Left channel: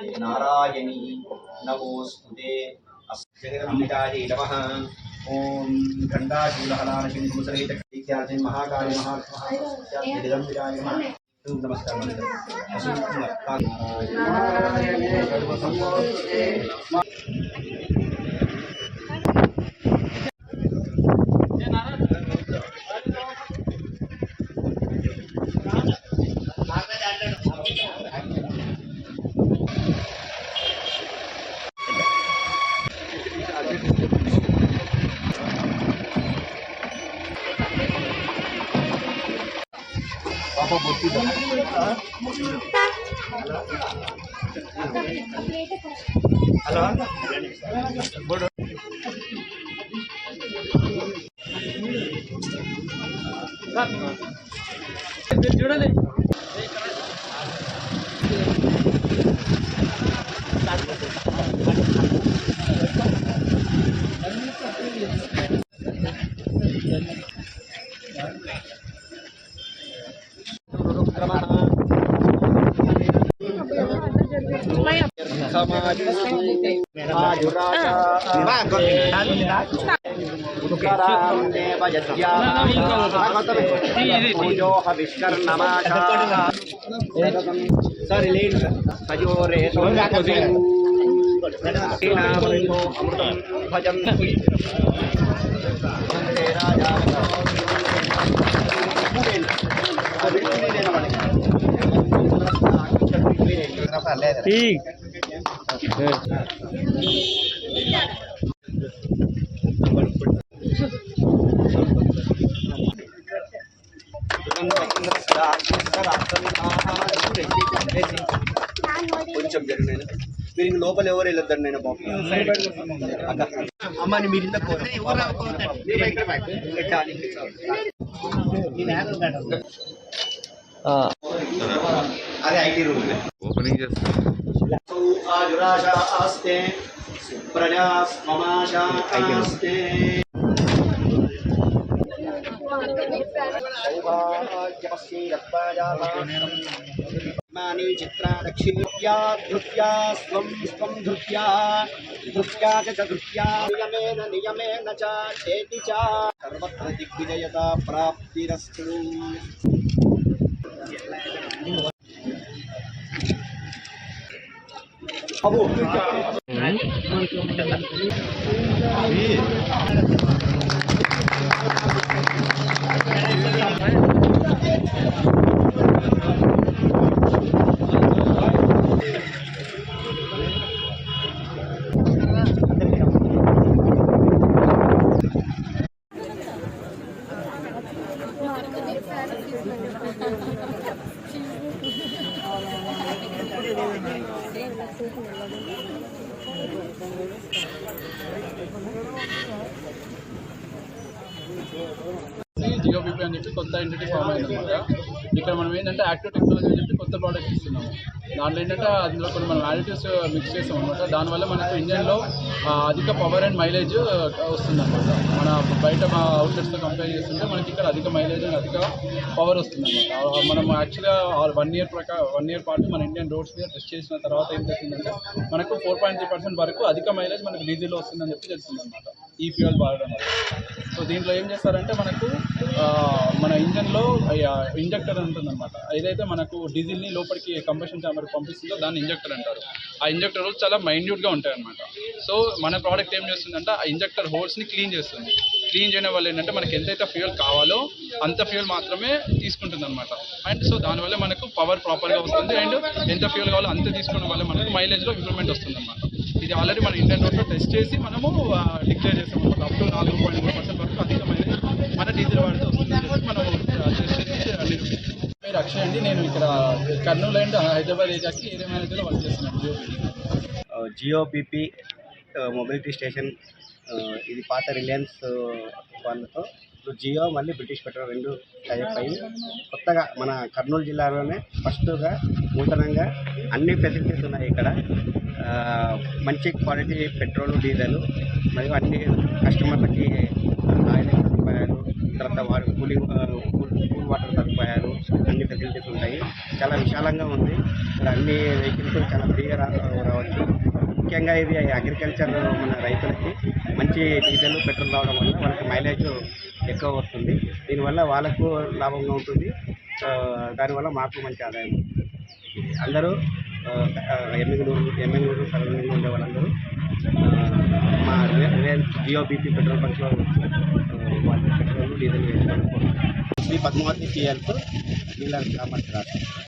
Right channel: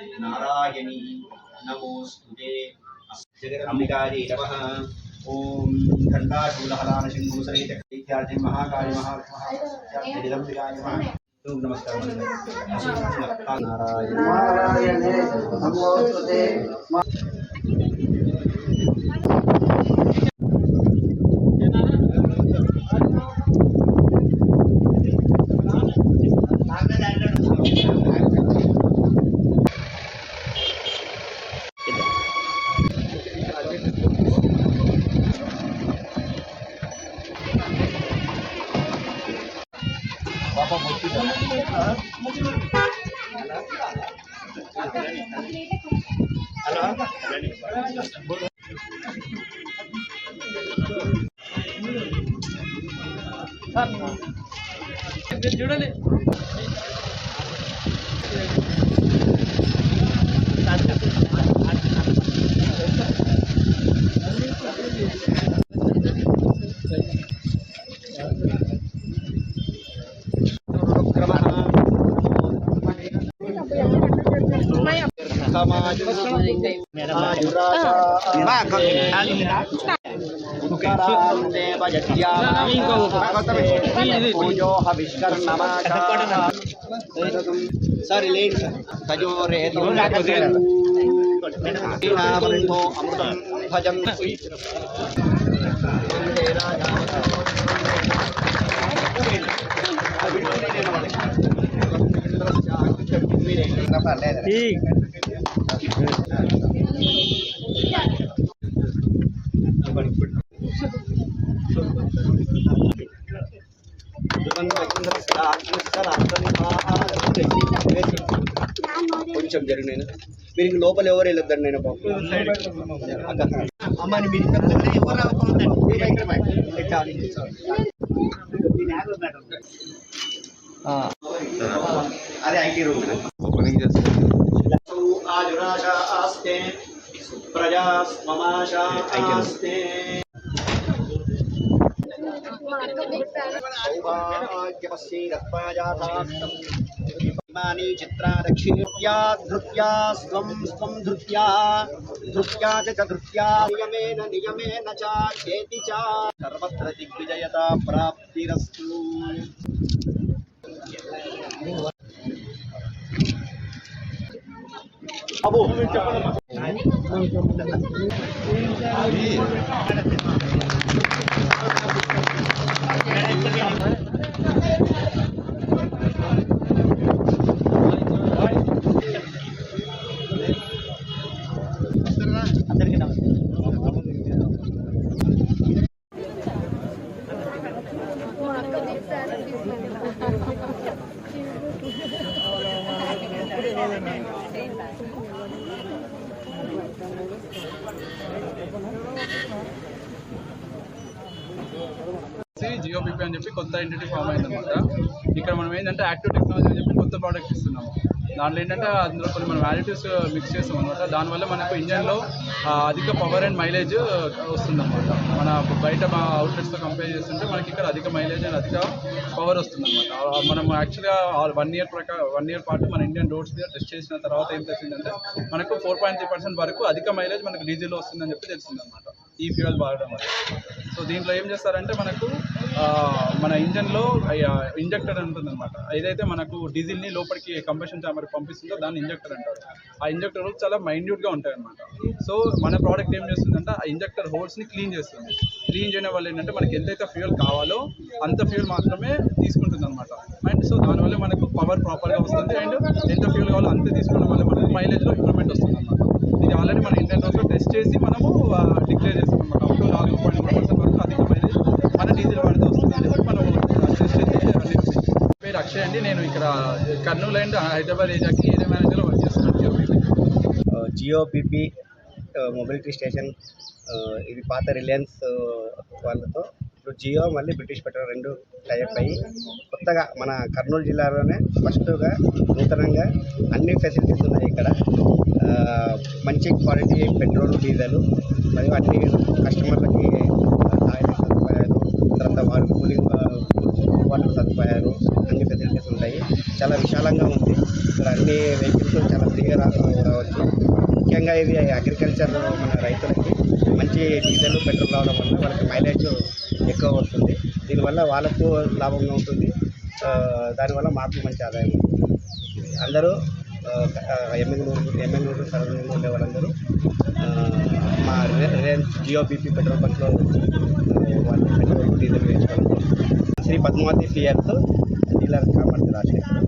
नारायणी नमोस्तुते जगदम्बिकायै नमः। ओम खंडाशूलहलानशंकुसहित इत्यार्जन महाकाली महालक्ष्मी जगदम्बिकायै नमः। नमस्कार नारायण नमोस्तुते। पापा बोलती है చూడండి ठीक కొంచెం జరిగిన మీరు లోపల ఎవరు వెళ్ళొద్దండి నేను బాబు అమ్మని మీరు అదే ఐటీ రూమ్ ఓపెనింగ్ ఆస్తే ప్రజా మమాశా ఆస్తే सौभाग्यपश्येरत्वाजातानि चित्रा दक्षिण्या धृत्या स्वं स्वं धृत्या धृत्या च धृत्या नियमेन च चेति च सर्वत्र दिग्विजयता प्राप्तिरस्तु। अबो జియోపీపీ అని చెప్పి కొత్త ఎంటిటీ ఫామ్ అయిందన్నమాట. ఇక్కడ మనం ఏంటంటే యాక్టివ్ టెక్నాలజీ అని చెప్పి కొత్త ప్రోడక్ట్ ఇస్తున్నాము. దాంట్లో ఏంటంటే అందులో కొన్ని మనం యాడిటివ్స్ మిక్స్ చేస్తాం అనమాట. దానివల్ల మనకు ఇంజన్లో అధిక పవర్ అండ్ మైలేజ్ వస్తుందన్నమాట. మన బయట అవుట్లెట్స్తో కంపేర్ చేస్తుంటే మనకి ఇక్కడ అధిక మైలేజ్ అండ్ అధిక పవర్ వస్తుందన్నమాట. మనం యాక్చువల్గా 1 ఇయర్ పాటు మన ఇండియన్ రోడ్స్ మీద టెస్ట్ చేసిన తర్వాత ఏం తెలిసిందంటే మనకు 4.3% వరకు అధిక మైలేజ్ మనకు డీజిల్లో వస్తుందని చెప్పి తెలిసిందనమాట ఈ ఫ్యూయల్ వాడడం వల్ల. సో దీంట్లో ఏం చేస్తారంటే మనకు మన ఇంజన్లో ఇంజెక్టర్ ఉంటుందన్నమాట. ఏదైతే మనకు డీజిల్ని లోపలికి కంబషన్ ఛాంబర్కి పంపిస్తుందో దాన్ని ఇంజెక్టర్ అంటారు. ఆ ఇంజెక్టర్ హోల్స్ చాలా మైన్యూట్గా ఉంటాయి అన్నమాట. సో మన ప్రోడక్ట్ ఏం చేస్తుందంటే ఆ ఇంజెక్టర్ హోల్స్ని క్లీన్ చేస్తుంది. క్లీన్ చేయడం వల్ల ఏంటంటే మనకి ఎంతైతే ఫ్యూయల్ కావాలో అంత ఫ్యూయల్ మాత్రమే తీసుకుంటుంది అనమాట. అండ్ సో దానివల్ల మనకు పవర్ ప్రాపర్గా వస్తుంది అండ్ ఎంత ఫ్యూయల్ కావాలో అంతే తీసుకోవడం వల్ల మనకు మైలేజ్లో ఇంప్రూవ్మెంట్ వస్తుంది అనమాట. ఇది ఆల్రెడీ మన ఇండియన్ రోడ్స్లో టెస్ట్ చేసి మనము డిక్లేర్ చేస్తాం అనమాట. అప్ టు 4.3% వరకు అధిక మైలేజ్ మన డీజిల్ వాడితే వస్తుంది అని చెప్పి మనం టెస్ట్ చేసి నిరూపించాం. పేరు అక్షయ్ అండి. నేను ఇక్కడ కర్నూలు అండ్ హైదరాబాద్ ఏరియాకి ఏరియా మేనేజర్గా వర్క్ చేస్తున్నాను. జియోపీపీ మొబిలిటీ స్టేషన్ ఇది పాత రిలయన్స్ వాళ్ళతో ఇప్పుడు జియో మళ్ళీ బ్రిటిష్ పెట్రోల్ 2 టైప్ అయ్యి కొత్తగా మన కర్నూలు జిల్లాలోనే ఫస్ట్గా నూతనంగా అన్ని ఫెసిలిటీస్ ఉన్నాయి ఇక్కడ. మంచి క్వాలిటీ పెట్రోల్ డీజిల్ మరియు అన్ని కస్టమర్లకి ఆయిల్ సదుపాయాలు, తర్వాత వారు కూలింగ్ వాటర్ సదుపాయాలు అన్ని ఫెసిలిటీస్ ఉంటాయి. చాలా విశాలంగా ఉంది. ఇక్కడ అన్ని వెహికల్స్ చాలా ఫ్రీగా రావచ్చు. ముఖ్యంగా ఇది అగ్రికల్చర్ మన రైతులకి మంచి డీజిల్ పెట్రోల్ రావడం వల్ల వాళ్ళకి మైలేజ్ ఎక్కువ వస్తుంది. దీనివల్ల వాళ్ళకు లాభంగా ఉంటుంది. దానివల్ల మాకు మంచి ఆదాయం ఉంటుంది. అందరూ ఎమ్మెల్యేలు సరౌండింగ్లో ఉండే వాళ్ళందరూ మా రిలయన్స్ జియో బీపీ పెట్రోల్ బంక్లో వాళ్ళు పెట్రోల్ డీజిల్ వేసుకోవాలి. శ్రీ పద్మావతి టీఎల్స్ డీలర్ కామర్స్ రాలేదు.